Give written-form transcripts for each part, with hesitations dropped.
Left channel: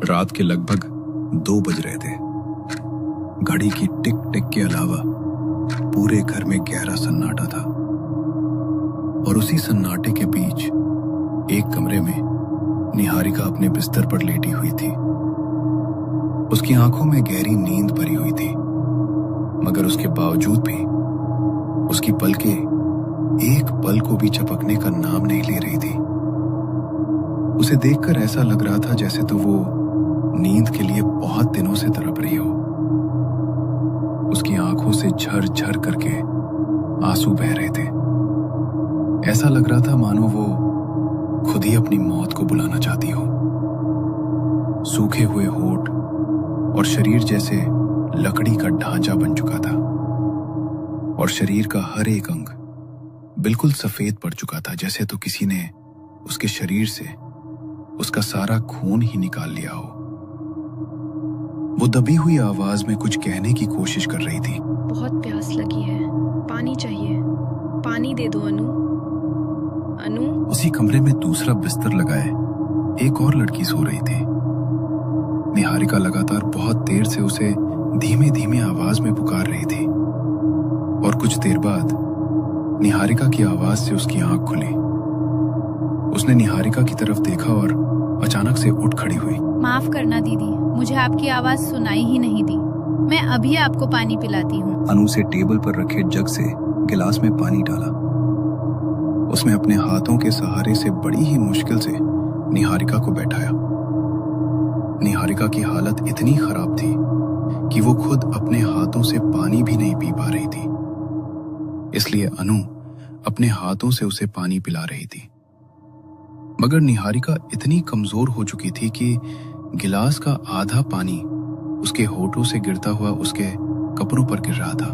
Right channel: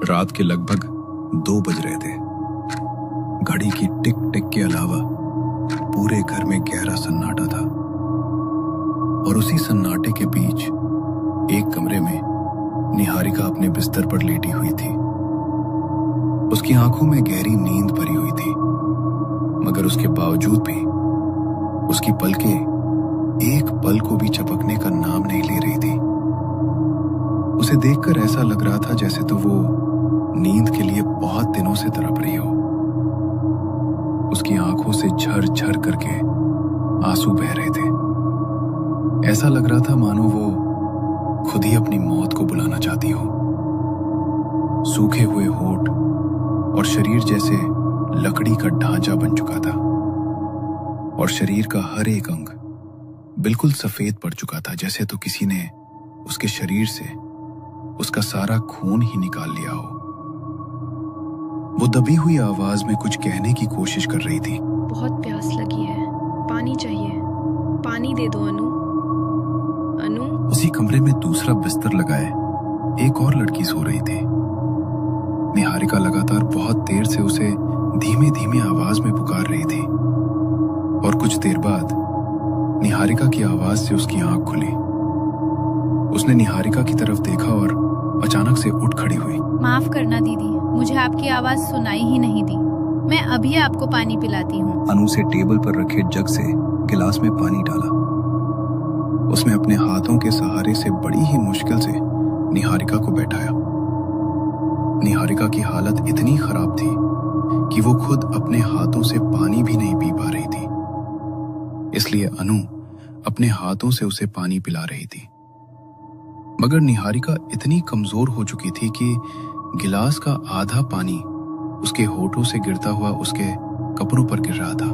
रात के लगभग 2 बज रहे थे। घड़ी की टिक टिक के अलावा पूरे घर में गहरा सन्नाटा था और उसी सन्नाटे के बीच एक कमरे में निहारिका अपने बिस्तर पर लेटी हुई थी। उसकी आंखों में गहरी नींद भरी हुई थी, मगर उसके बावजूद भी उसकी पलकें एक पल को भी झपकने का नाम नहीं ले रही थी। उसे देखकर ऐसा लग रहा था जैसे तो वो नींद के लिए बहुत दिनों से तड़प रही हो। उसकी आंखों से झर-झर करके आंसू बह रहे थे। ऐसा लग रहा था मानो वो खुद ही अपनी मौत को बुलाना चाहती हो। सूखे हुए होंठ और शरीर जैसे लकड़ी का ढांचा बन चुका था और शरीर का हर एक अंग बिल्कुल सफेद पड़ चुका था, जैसे तो किसी ने उसके शरीर से उसका सारा खून ही निकाल लिया हो। वो दबी हुई आवाज में कुछ कहने की कोशिश कर रही थी। बहुत प्यास लगी है, पानी चाहिए, पानी दे दो अनु। अनु। उसी कमरे में दूसरा बिस्तर लगाए एक और लड़की सो रही थी। निहारिका लगातार बहुत देर से उसे धीमे धीमे आवाज में पुकार रही थी और कुछ देर बाद निहारिका की आवाज से उसकी आंख खुली। उसने निहारिका की तरफ देखा और अचानक से उठ खड़ी हुई। माफ करना दीदी, मुझे आपकी आवाज सुनाई ही नहीं दी। मैं अभी आपको पानी पिलाती हूँ। अनु से टेबल पर रखे जग से गिलास में पानी डाला। उसने अपने हाथों के सहारे से बड़ी ही मुश्किल से निहारिका को बैठाया। निहारिका की हालत इतनी खराब थी कि वो खुद अपने हाथों से पानी भी नहीं पी पा रही थी, इसलिए अनु अपने हाथों से उसे पानी पिला रही थी। मगर निहारिका इतनी कमजोर हो चुकी थी कि गिलास का आधा पानी उसके होठों से गिरता हुआ उसके कपड़ों पर गिर रहा था।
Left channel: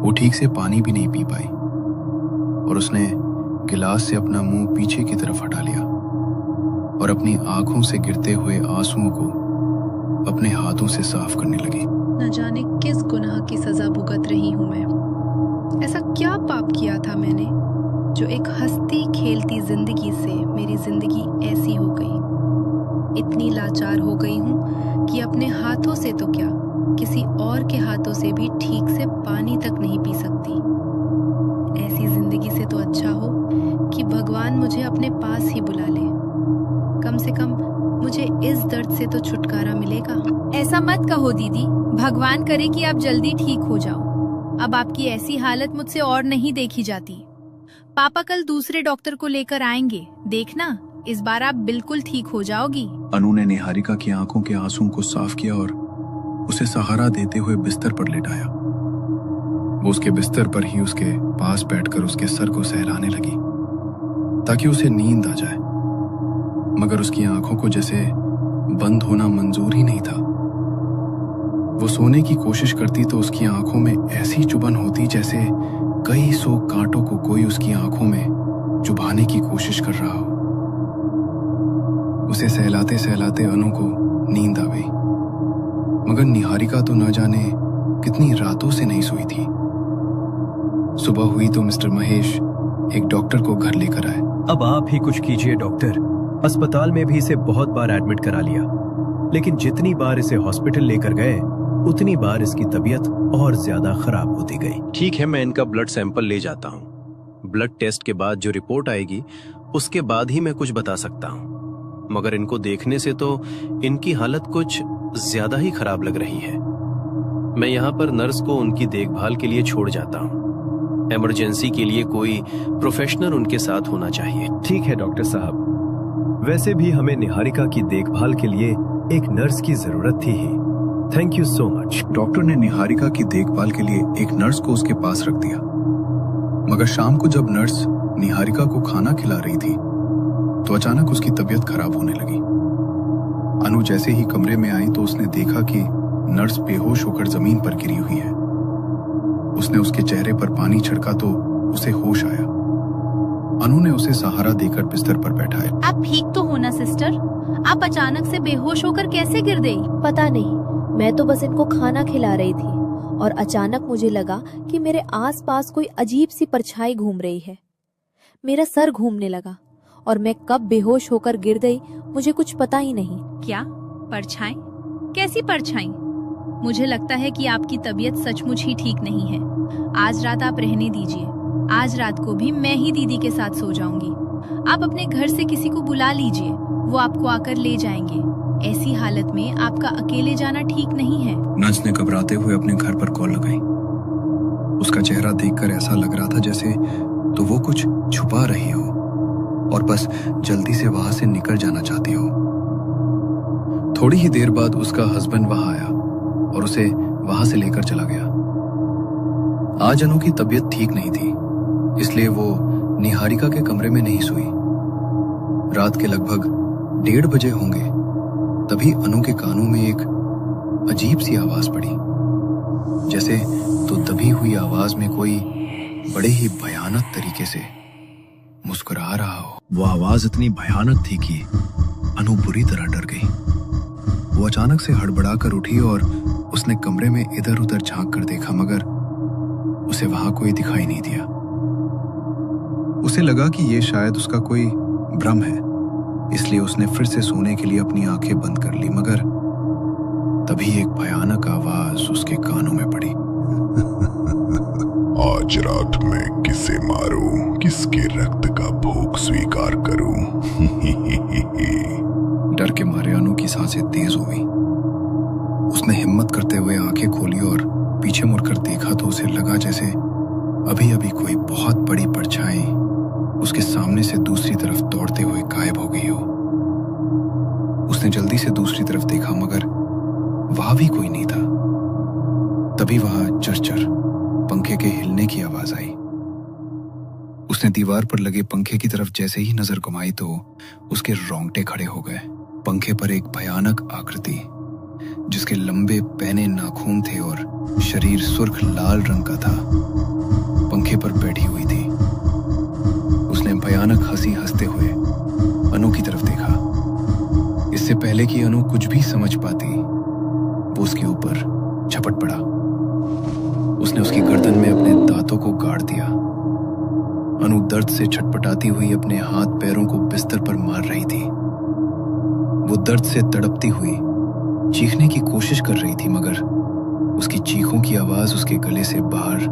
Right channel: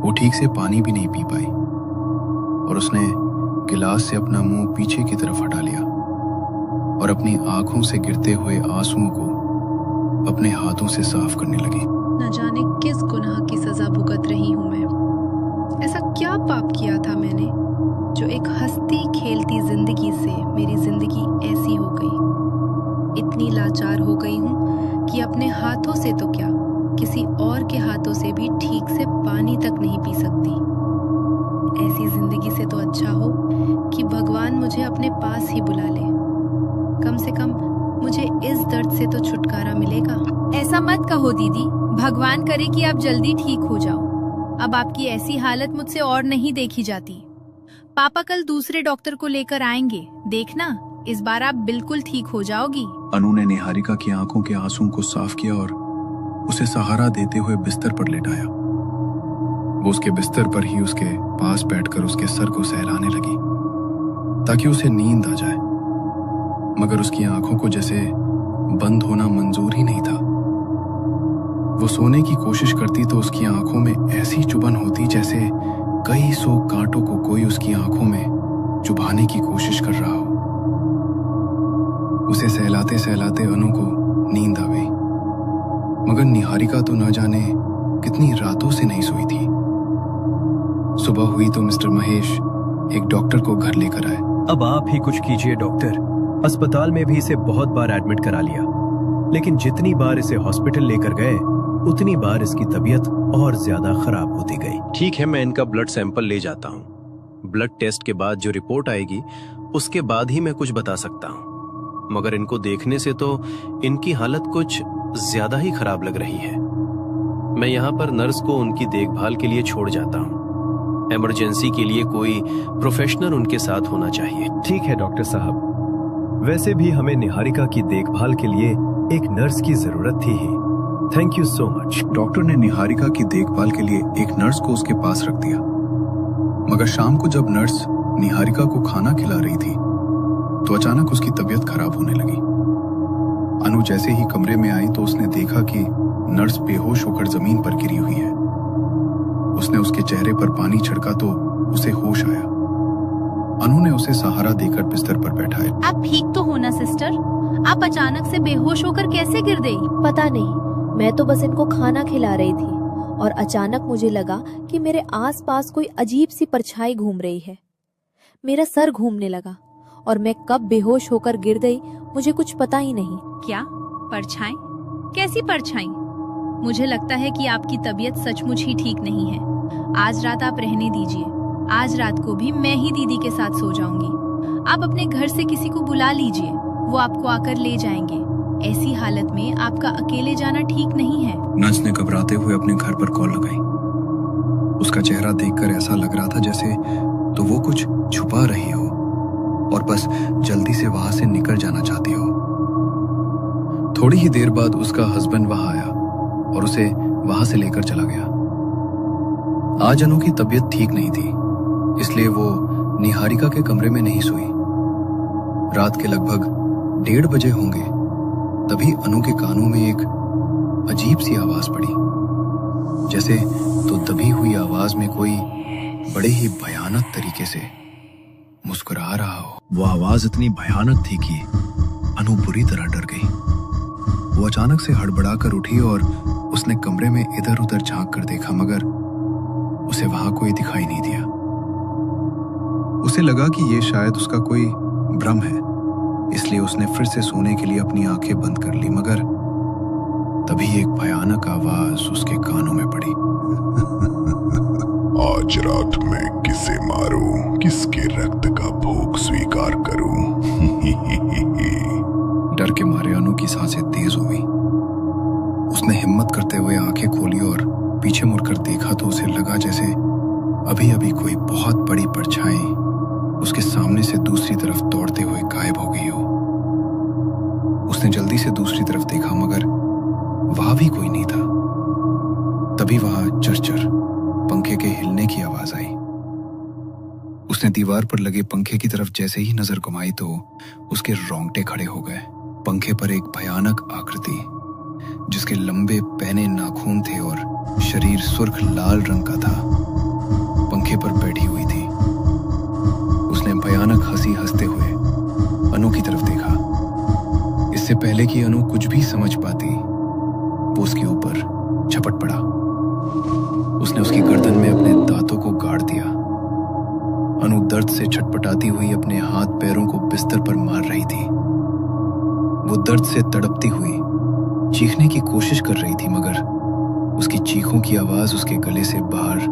वो ठीक से पानी भी नहीं पी पाई और उसने गिलास से अपना मुंह पीछे की तरफ हटा लिया और अपनी आंखों से गिरते हुए आंसुओं को अपने हाथों से साफ करने लगी। न जाने किस गुनाह की सजा भुगत रही हूँ मैं। ऐसा क्या पाप किया था मैंने जो एक हंसती खेलती जिंदगी से मेरी जिंदगी ऐसी हो गई। इतनी लाचार हो गई हूँ कि अपने हाथों से तो क्या, किसी और के हाथों से भी ठीक से पानी तक नहीं पी सकती। ऐसी जिंदगी से तो अच्छा हो कि भगवान मुझे अपने पास ही बुला ले। कम से कम मुझे इस दर्द से तो छुटकारा मिलेगा। ऐसा मत कहो दीदी, भगवान करे कि आप जल्दी ठीक हो जाओ। अब आपकी ऐसी हालत मुझसे और नहीं देखी जाती। पापा कल दूसरे डॉक्टर को लेकर आएंगे, देखना इस बार आप बिल्कुल ठीक हो जाओगी। अनु ने निहारिका की आंखों के आंसुओं को साफ किया और उसे सहारा देते हुए बिस्तर पर लेटाया। वो उसके बिस्तर पर ही उसके पास बैठकर उसके सर को सहलाने लगी ताकि उसे नींद आ जाए, मगर उसकी आंखों को जैसे बंद होना मंजूर ही नहीं था। वो सोने की कोशिश करती तो उसकी आंखों में ऐसी चुभन होती जैसे कई सौ कांटों को कोई उसकी आंखों में चुभाने की कोशिश कर रहा हो। उसे सहलाते सहलाते अनु को नींद आ गई, मगर निहारिका तो न जाने कितनी रातों से नहीं सोई थी। सुबह हुई तो मिस्टर महेश एक डॉक्टर को घर लेकर आए। अब आप ही कुछ कीजिए डॉक्टर। अस्पताल में भी इसे बहुत बार एडमिट करा लिया, लेकिन जितनी बार इसे हॉस्पिटल लेकर गए उतनी बार इसकी तबीयत और ज्यादा खराब होती गई। ठीक है, मैं इनका ब्लड सैंपल ले जाता हूँ। ब्लड टेस्ट के बाद जो रिपोर्ट आएगी उसके बाद ही मैं कुछ बता सकता हूँ, मगर इनको देखने से तो इनकी हालत कुछ ज्यादा ही खराब लग रही है। मैं यहाँ पर नर्स को उनकी देखभाल के लिए छोड़ जाता हूँ। इमरजेंसी के लिए कोई प्रोफेशनल उनके साथ होना चाहिए। ठीक है डॉक्टर साहब, वैसे भी हमें निहारिका की देखभाल के लिए एक नर्स की जरूरत थी ही। Thank you so much. Doctor ने निहारिका की देखभाल के लिए एक नर्स को उसके पास रख दिया, मगर शाम को जब नर्स निहारिका को खाना खिला रही थी तो अचानक उसकी तबीयत खराब होने लगी। अनु जैसे ही कमरे में आई तो उसने देखा कि नर्स बेहोश होकर जमीन पर गिरी हुई है। उसने उसके चेहरे पर पानी छिड़का तो उसे होश आया। अनु ने उसे सहारा देकर बिस्तर पर बैठाया। आप ठीक तो हो ना सिस्टर? आप अचानक से बेहोश होकर कैसे गिर गई? पता नहीं, मैं तो बस इनको खाना खिला रही थी और अचानक मुझे लगा कि मेरे आसपास कोई अजीब सी परछाई घूम रही है। मेरा सर घूमने लगा और मैं कब बेहोश होकर गिर गई मुझे कुछ पता ही नहीं। क्या परछाई? कैसी परछाई? मुझे लगता है कि आपकी तबीयत सचमुच ही ठीक नहीं है। आज रात आप रहने दीजिए। आज रात को भी मैं ही दीदी के साथ सो जाऊंगी। आप अपने घर से किसी को बुला लीजिए, वो आपको आकर ले जाएंगे। ऐसी हालत में आपका अकेले जाना ठीक नहीं है। नर्स ने घबराते हुए अपने घर पर कॉल लगाई। उसका चेहरा देखकर ऐसा लग रहा था जैसे तो वो कुछ छुपा रही हो और बस जल्दी से वहां से निकल जाना चाहती हो। थोड़ी ही देर बाद उसका हस्बैंड वहां आया और उसे वहां से लेकर चला गया। आज अनु की तबीयत ठीक नहीं थी, इसलिए वो निहारिका के कमरे में नहीं सोई। रात के लगभग 1:30 बजे होंगे, तभी अनु के कानों में एक अजीब सी आवाज पड़ी, जैसे तो दबी हुई आवाज में कोई बड़े ही भयानक तरीके से मुस्कुरा रहा हो। वो आवाज इतनी भयानक थी कि अनु बुरी तरह डर गई। वो अचानक से हड़बड़ाकर उठी और उसने कमरे में इधर उधर झांक कर देखा, मगर उसे वहां कोई दिखाई नहीं दिया। उसे लगा कि ये शायद उसका कोई भ्रम है, इसलिए उसने फिर से सोने के लिए अपनी आंखें बंद कर ली, मगर तभी एक भयानक आवाज उसके कानों में पड़ी। आज रात मैं किसे मारूं, किसके रक्त का भोग स्वीकार करूं? डर के मारे अनु की सांसें तेज हो गई। उसने हिम्मत करते हुए आंखें खोली और पीछे मुड़कर देखा तो उसे लगा जैसे अभी अभी कोई बहुत बड़ी परछाई उसके सामने से दूसरी तरफ दौड़ते हुए गायब हो गई हो। उसने जल्दी से दूसरी तरफ देखा, मगर वहां भी कोई नहीं था। तभी वहां चरचर पंखे के हिलने की आवाज आई। उसने दीवार पर लगे पंखे की तरफ जैसे ही नजर घुमाई तो उसके रोंगटे खड़े हो गए। पंखे पर एक भयानक आकृति, जिसके लंबे पैने नाखून थे और शरीर सुर्ख लाल रंग का था, पंखे पर बैठी हुई थी। उसने भयानक हंसी हंसते हुए अनु की तरफ देखा। इससे पहले कि अनु कुछ भी समझ पाती, वो उसके ऊपर झपट पड़ा। उसने उसकी गर्दन में अपने दांतों को गाड़ दिया। अनु दर्द से छटपटाती हुई अपने हाथ पैरों को बिस्तर पर मार रही थी। वो दर्द से तड़पती हुई चीखने की कोशिश कर रही थी, मगर उसकी चीखों की आवाज उसके गले से बाहर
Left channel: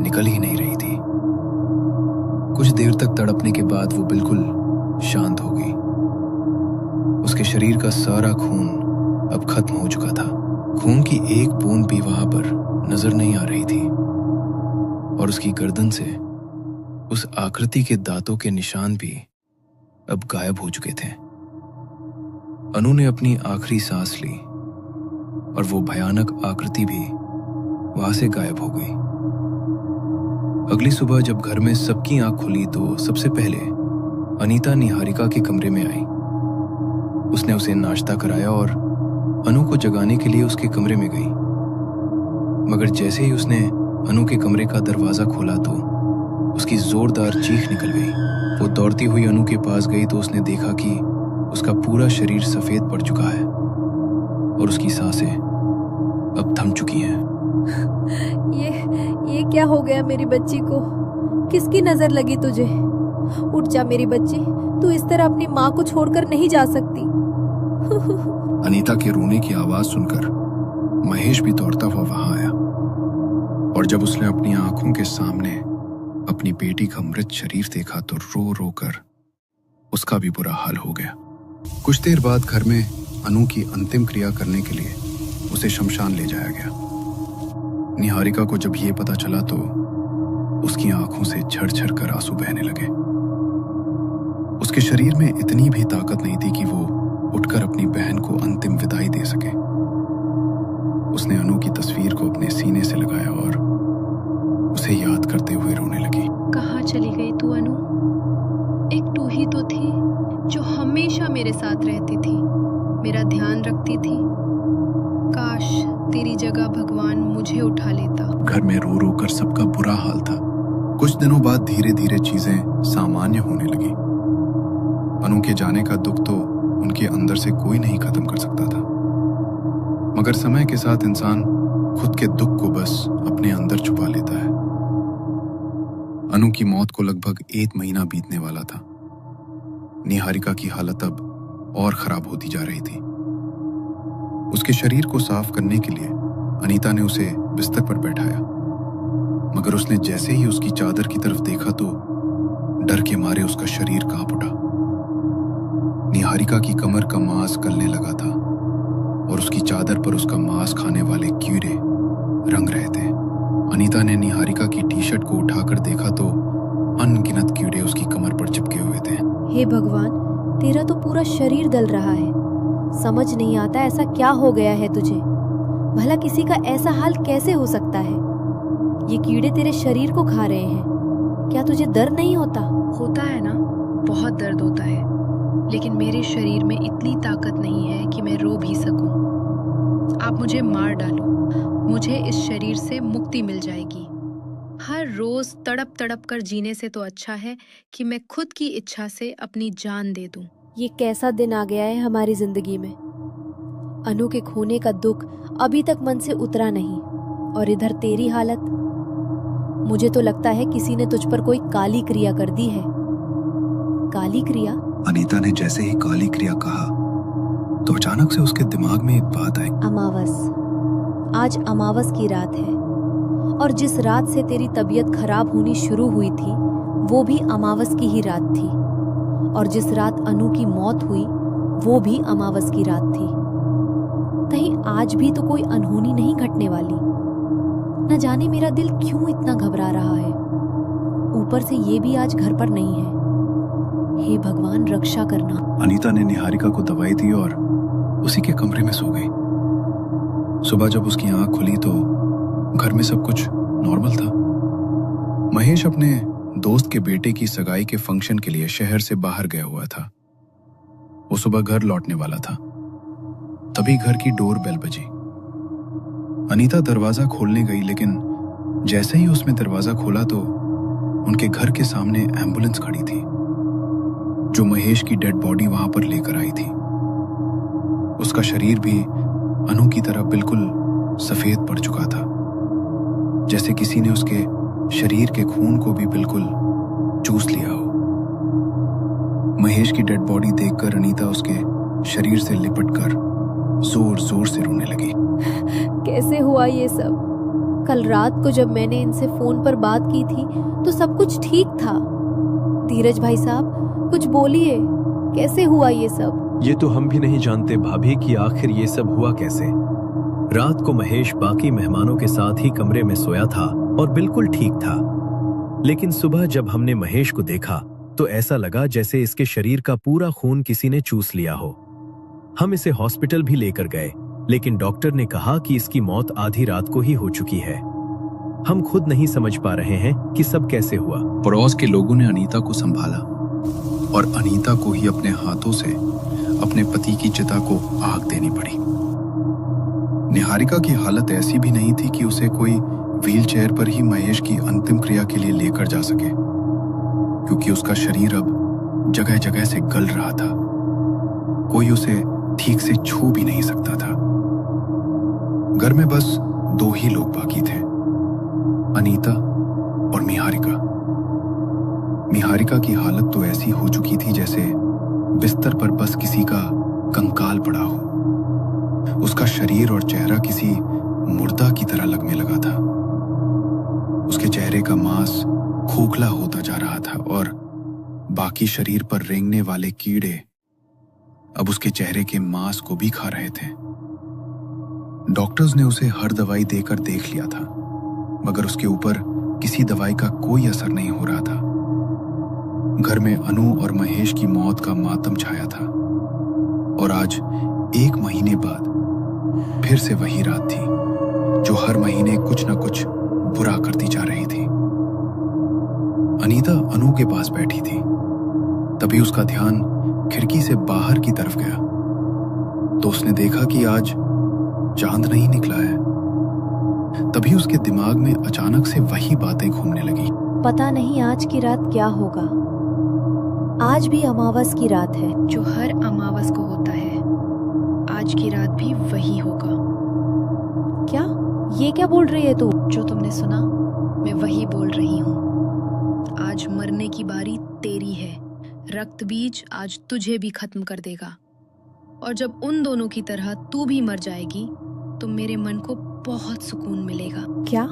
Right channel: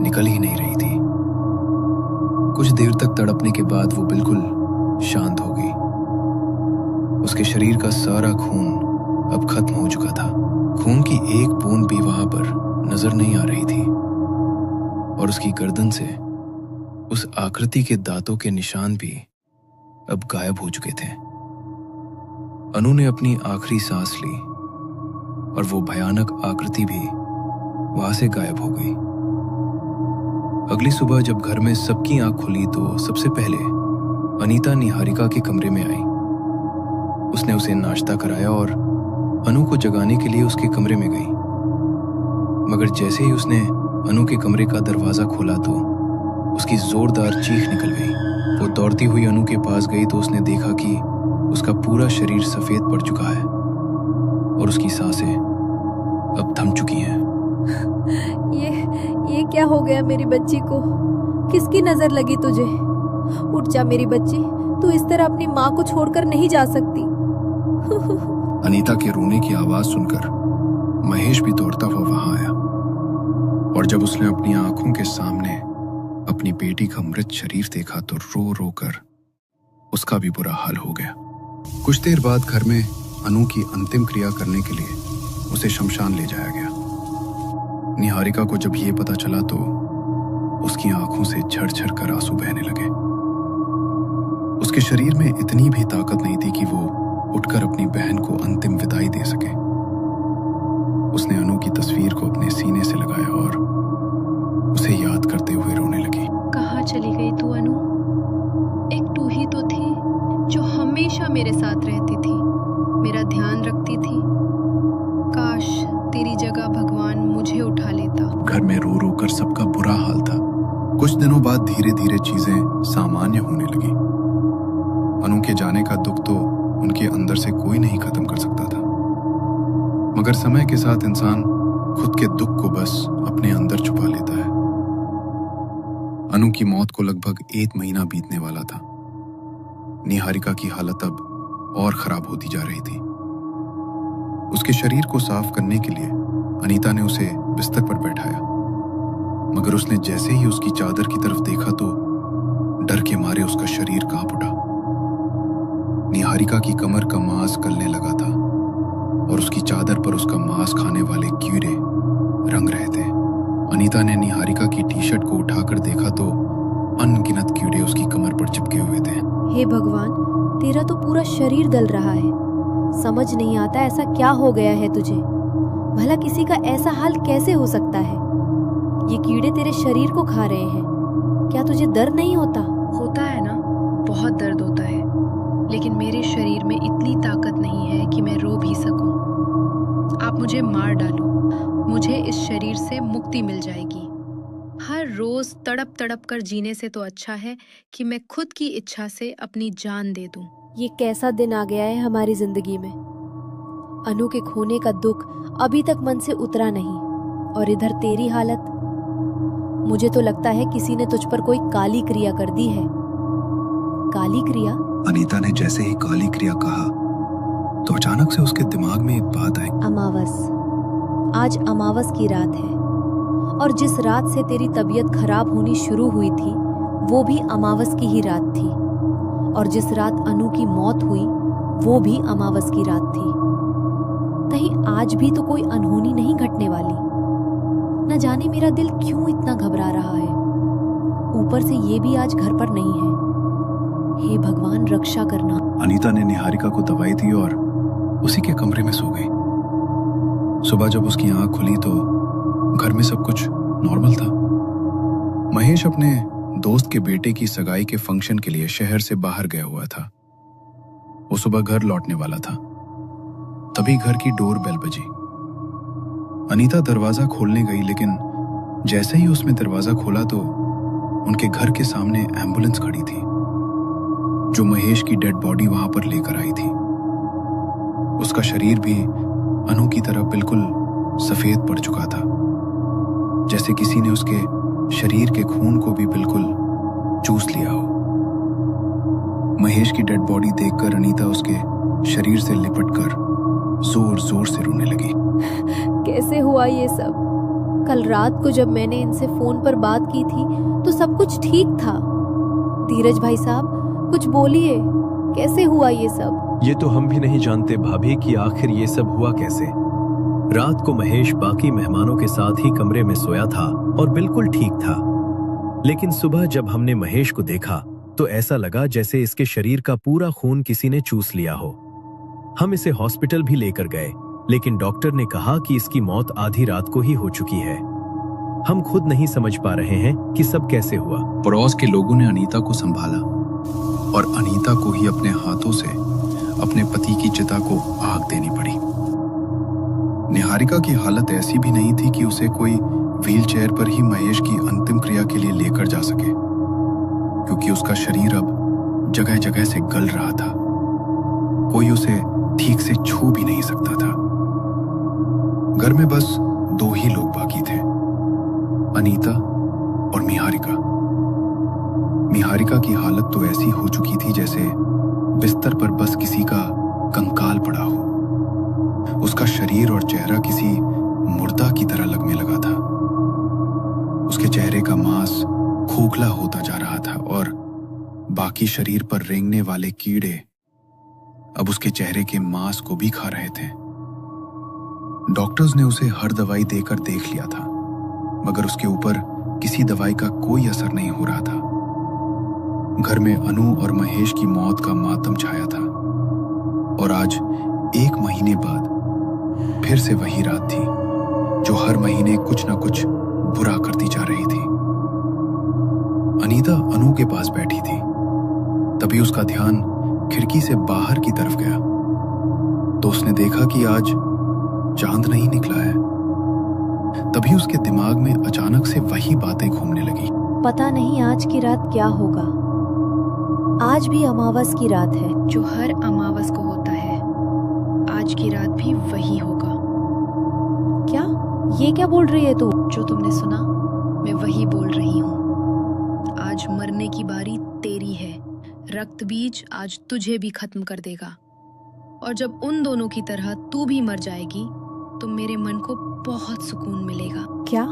निकल ही नहीं रही थी। कुछ देर तक तड़पने के बाद वो बिल्कुल शांत हो गई। उसके शरीर का सारा खून अब खत्म हो चुका था। खून की एक बूंद भी वहां पर नजर नहीं आ रही थी और उसकी गर्दन से उस आकृति के दांतों के निशान भी अब गायब हो चुके थे। अनु ने अपनी आखिरी सांस ली और वो भयानक आकृति भी वहां से गायब हो गई। अगली सुबह जब घर में सबकी आंख खुली तो सबसे पहले अनीता निहारिका के कमरे में आई। उसने उसे नाश्ता कराया और अनु को जगाने के लिए उसके कमरे में गई, मगर जैसे ही उसने अनु के कमरे का दरवाजा खोला तो उसकी जोरदार चीख निकल गई। वो दौड़ती हुई अनु के पास गई तो उसने देखा कि उसका पूरा शरीर सफेद पड़ चुका है और उसकी सांसें अब थम चुकी हैं। ये क्या हो गया मेरी बच्ची को? किसकी नजर लगी तुझे? उठ जा मेरी बच्ची, तू इस तरह अपनी माँ को छोड़कर नहीं जा सकती। अनीता के रोने की आवाज सुनकर महेश भी दौड़ता हुआ वहां आया और जब उसने अपनी आंखों के सामने अपनी बेटी का मृत शरीर देखा तो रो रो कर उसका भी बुरा हाल हो गया। कुछ देर बाद घर में अनु की अंतिम क्रिया करने के लिए उसे शमशान ले जाया गया। निहारिका को जब ये पता चला तो उसकी आंखों से झरझर कर आंसू बहने लगे। उसके शरीर में इतनी भी ताकत नहीं थी कि वो उठकर अपनी बहन को अंतिम विदाई दे सके। उसने अनु की तस्वीर को अपने सीने से लगाया और उसे याद करते हुए रोने लगी। कहाँ चली गई तू अनु? एक तू ही तो थी जो हमेशा मेरे साथ रहती थी, मेरा ध्यान रखती थी। काश तेरी जगह भगवान मुझे उठा लेता। घर में रो रो कर सबका बुरा हाल था। कुछ दिनों बाद धीरे धीरे चीजें सामान्य होने लगी। अनु के जाने का दुख तो उनके अंदर से कोई नहीं खत्म कर सकता था, मगर समय के साथ इंसान खुद के दुख को बस अपने अंदर छुपा लेता है। अनु की मौत को लगभग 1 महीना बीतने वाला था। निहारिका की हालत अब और खराब होती जा रही थी। उसके शरीर को साफ करने के लिए अनीता ने उसे बिस्तर पर बैठाया, मगर उसने जैसे ही उसकी चादर की तरफ देखा तो डर के मारे उसका शरीर कांप उठा। निहारिका की कमर का मांस गलने लगा था और उसकी चादर पर उसका मांस खाने वाले कीड़े रंग रहे थे। अनीता ने निहारिका की टी शर्ट को उठाकर देखा तो अनगिनत कीड़े उसकी कमर पर चिपके हुए थे। हे भगवान, तेरा तो पूरा शरीर गल रहा है। समझ नहीं आता ऐसा क्या हो गया है तुझे। भला किसी का ऐसा हाल कैसे हो सकता है? ये कीड़े तेरे शरीर को खा रहे हैं। क्या तुझे दर्द नहीं होता? होता है ना, बहुत दर्द होता है, लेकिन मेरे शरीर में इतनी ताकत नहीं है कि मैं रो भी सकूं। आप मुझे मार डालो, मुझे इस शरीर से मुक्ति मिल जाएगी। हर रोज तड़प तड़प कर जीने से तो अच्छा है कि मैं खुद की इच्छा से अपनी जान दे दूं। ये कैसा दिन आ गया है हमारी जिंदगी में। अनु के खोने का दुख अभी तक मन से उतरा नहीं, और इधर तेरी हालत। मुझे तो लगता है किसी ने तुझ पर कोई काली क्रिया कर दी है। काली क्रिया? अनीता ने जैसे ही काली क्रिया कहा तो अचानक से उसके दिमाग में एक बात आई। अमावस। आज अमावस की रात है, और जिस रात से तेरी तबीयत खराब होनी शुरू हुई थी वो भी अमावस की ही रात थी, और जिस रात अनु की मौत हुई वो भी अमावस की रात थी। कहीं आज भी तो कोई अनहोनी नहीं घटने वाली। न जाने मेरा दिल क्यों इतना घबरा रहा है। ऊपर से ये भी आज घर पर नहीं है। हे भगवान, रक्षा करना। अनीता ने निहारिका को दवाई दी और उसी के कमरे में सो गई। सुबह जब उसकी आंख खुली तो घर में सब कुछ नॉर्मल था। महेश अपने दोस्त के बेटे की सगाई के फंक्शन के लिए शहर से बाहर गया हुआ था। वो सुबह घर लौटने वाला था, तभी घर की डोर बेल बजी। अनीता दरवाजा खोलने गई, लेकिन जैसे ही उसने दरवाजा खोला तो उनके घर के सामने एम्बुलेंस खड़ी थी, जो महेश की डेड बॉडी वहां पर लेकर आई थी। उसका शरीर भी अनु की तरह बिल्कुल सफेद पड़ चुका था, जैसे किसी ने उसके शरीर के खून को भी बिल्कुल चूस लिया हो। महेश की डेड बॉडी देखकर अनीता उसके शरीर से लिपटकर जोर जोर से रोने लगी। कैसे हुआ ये सब? कल रात को जब मैंने इनसे फोन पर बात की थी तो सब कुछ ठीक था। धीरज भाई साहब, कुछ बोलिए, कैसे हुआ ये सब? ये तो हम भी नहीं जानते भाभी कि आखिर ये सब हुआ कैसे। रात को महेश बाकी मेहमानों के साथ ही कमरे में सोया था और बिल्कुल ठीक था, लेकिन सुबह जब हमने महेश को देखा तो ऐसा लगा जैसे इसके शरीर का पूरा खून किसी ने चूस लिया हो। हम इसे हॉस्पिटल भी लेकर गए, लेकिन डॉक्टर ने कहा कि इसकी मौत आधी रात को ही हो चुकी है। हम खुद नहीं समझ पा रहे हैं कि सब कैसे हुआ। पड़ोस के लोगों ने अनीता को संभाला और अनीता को ही अपने हाथों से अपने पति की चिता को आग देनी पड़ी। निहारिका की हालत ऐसी भी नहीं थी कि उसे कोई व्हीलचेयर पर ही महेश की अंतिम क्रिया के लिए लेकर जा सके, क्योंकि उसका शरीर अब जगह जगह से गल रहा था। कोई उसे ठीक से छू भी नहीं सकता था। घर में बस दो ही लोग बाकी थे, अनीता और निहारिका। निहारिका की हालत तो ऐसी हो चुकी थी जैसे बिस्तर पर बस किसी का कंकाल पड़ा हो। उसका शरीर और चेहरा किसी मुर्दा की तरह लगने लगा था। उसके चेहरे का मांस खोखला होता जा रहा था और बाकी शरीर पर रेंगने वाले कीड़े अब उसके चेहरे के मांस को भी खा रहे थे। डॉक्टर्स ने उसे हर दवाई देकर देख लिया था, मगर उसके ऊपर किसी दवाई का कोई असर नहीं हो रहा था। घर में अनु और महेश की मौत का मातम छाया था, और आज 1 महीने बाद फिर से वही रात थी जो हर महीने कुछ न कुछ बुरा करती जा रही थी। अनीता अनु के पास बैठी थी, तभी उसका ध्यान खिड़की से बाहर की तरफ गया तो उसने देखा कि आज चांद नहीं निकला है। तभी उसके दिमाग में अचानक से वही बातें घूमने लगी। पता नहीं आज की रात क्या होगा। आज भी अमावस की रात है। जो हर अमावस को होता है, आज की रात भी वही होगा। क्या? ये क्या बोल रही है तू? जो तुमने सुना, मैं वही बोल रही हूँ। आज मरने की बारी तेरी है। रक्त बीज आज तुझे भी खत्म कर देगा। और जब उन दोनों की तरह तू भी मर जाएगी तो मेरे मन को बहुत सुकून मिलेगा। क्या?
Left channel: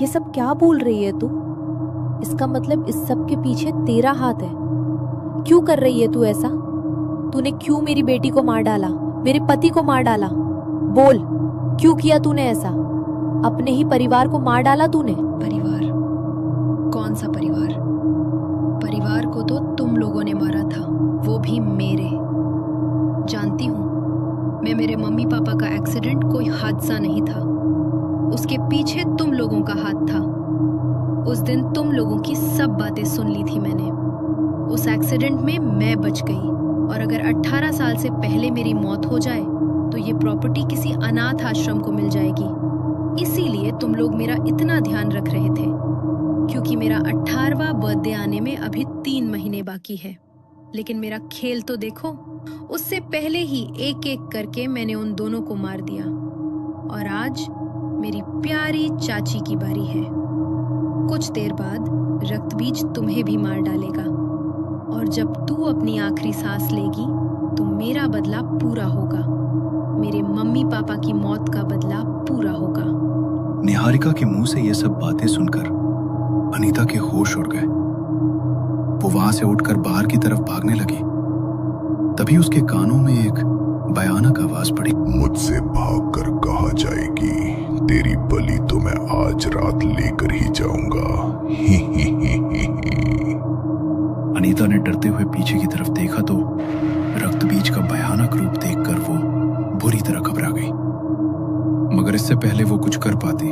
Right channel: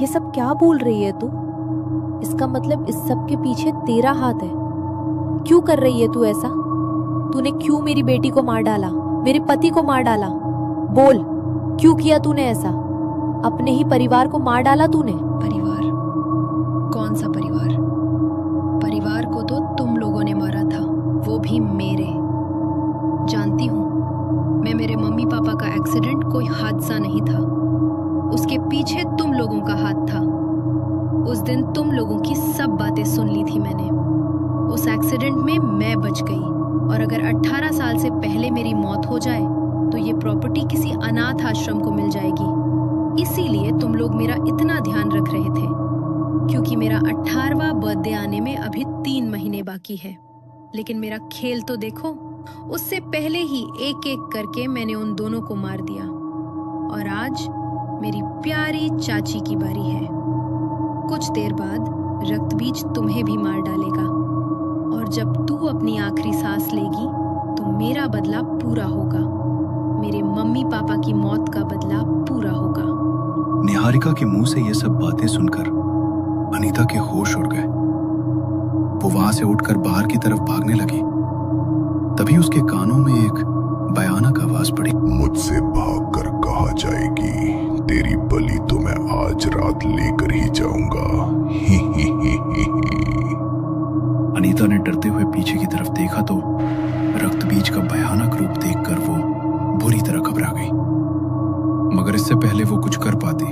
ये सब क्या बोल रही है तू? इसका मतलब इस सब के पीछे तेरा हाथ है। क्यों कर रही है तू ऐसा? तूने क्यों मेरी बेटी को मार डाला, मेरे पति को मार डाला? बोल, क्यों किया तूने ऐसा? अपने ही परिवार को मार डाला तूने। परिवार? कौन सा परिवार? परिवार को तो तुम लोगों ने मारा था, वो भी मेरे। जानती हूँ मैं, मेरे मम्मी पापा का एक्सीडेंट कोई हादसा नहीं था, उसके पीछे तुम लोगों का हाथ था। उस दिन तुम लोगों की सब बातें सुन ली थी मैंने। उस एक्सीडेंट में मैं बच गई, और अगर 18 साल से पहले मेरी मौत हो जाए तो ये प्रॉपर्टी किसी अनाथ आश्रम को मिल जाएगी। इसीलिए तुम लोग मेरा इतना ध्यान रख रहे थे, क्योंकि मेरा 18वां बर्थडे आने में अभी 3 महीने बाकी है। लेकिन मेरा खेल तो देखो, उससे पहले ही एक एक करके मैंने उन दोनों को मार दिया, और आज मेरी प्यारी चाची की बारी है। कुछ देर बाद रक्तबीज तुम्हें भी मार डालेगा, और जब तू अपनी आखिरी सांस लेगी तो मेरा बदला पूरा होगा, मेरे मम्मी पापा की मौत का बदला पूरा होगा। निहारिका के मुंह से ये सब बातें सुनकर अनीता के होश उड़ गए। वो वहां से उठकर बाहर की तरफ भागने लगी। तभी उसके कानों में एक भयानक आवाज पड़ी। मुझसे भागकर कहा जाएगी, तेरी बलि तो मैं आज रात लेकर ही जाऊंगा। ही ही ही ही ही। अनीता ने डरते हुए पीछे की तरफ देखा तो रक्तबीज का भयानक रूप देखकर वो बुरी तरह घबरा गई। मगर इससे पहले वो कुछ कर पाती,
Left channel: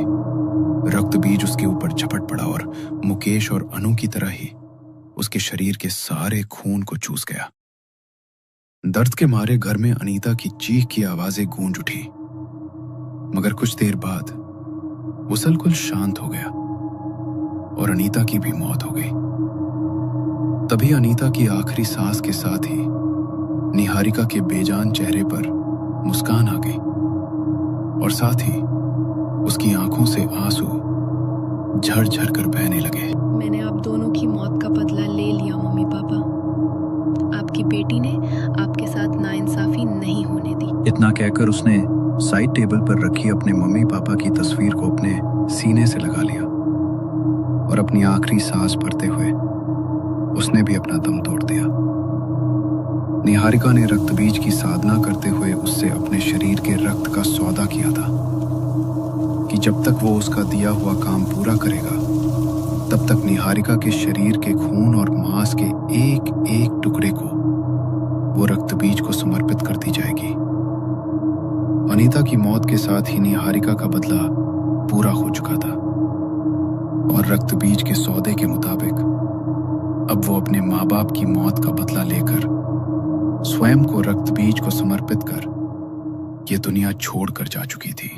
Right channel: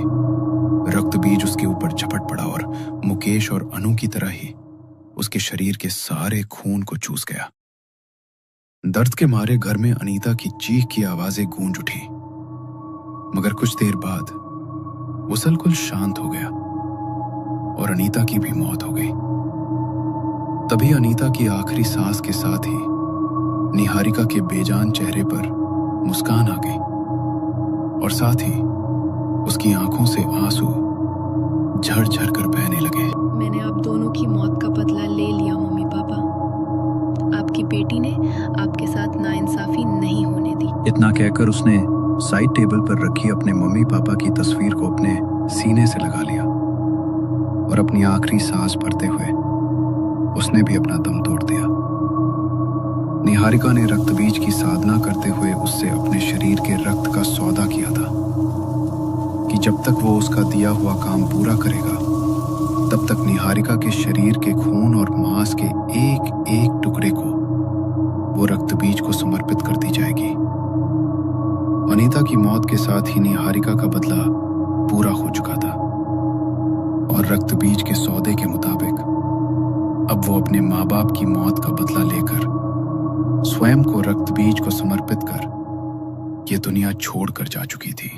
रक्तबीज उसके ऊपर झपट पड़ा और मुकेश और अनु की तरह ही उसके शरीर के सारे खून को चूस गया। दर्द के मारे घर में अनीता की चीख की आवाजें गूंज उठी। मगर कुछ देर बाद वो सलकुल शांत हो गया और अनीता की भी मौत हो गई। तभी अनीता की आखिरी सांस के साथ ही निहारिका के बेजान चेहरे पर मुस्कान आ गई, और साथ ही उसकी आंखों से आंसू झरझर कर बहने लगे। मैंने आप दोनों की मौत का बदला ले लिया मम्मी पापा। आपकी बेटी ने आपके साथ नाइंसाफी नहीं होने दी। इतना कहकर उसने साइड टेबल पर रखी अपने मम्मी पापा की तस्वीर को अपने सीने से लगा लिया, और अपनी आखिरी सांस भरते हुए उसने भी अपना दम तोड़ दिया। निहारिका ने रक्तबीज की साधना करते हुए उससे अपने शरीर के रक्त का सौदा किया था कि जब तक वो उसका दिया हुआ काम पूरा करेगा तब तक निहारिका के शरीर के खून और मांस के एक एक टुकड़े को वो रक्तबीज को समर्पित कर दी जाएगी। अनीता की मौत के साथ ही निहारिका का बदला पूरा हो चुका था, और रक्तबीज के सौदे के मुताबिक अब वो अपने माँ बाप की मौत का बदला लेकर स्वयं को रक्तबीज को समर्पित कर ये दुनिया छोड़कर जा चुकी थी।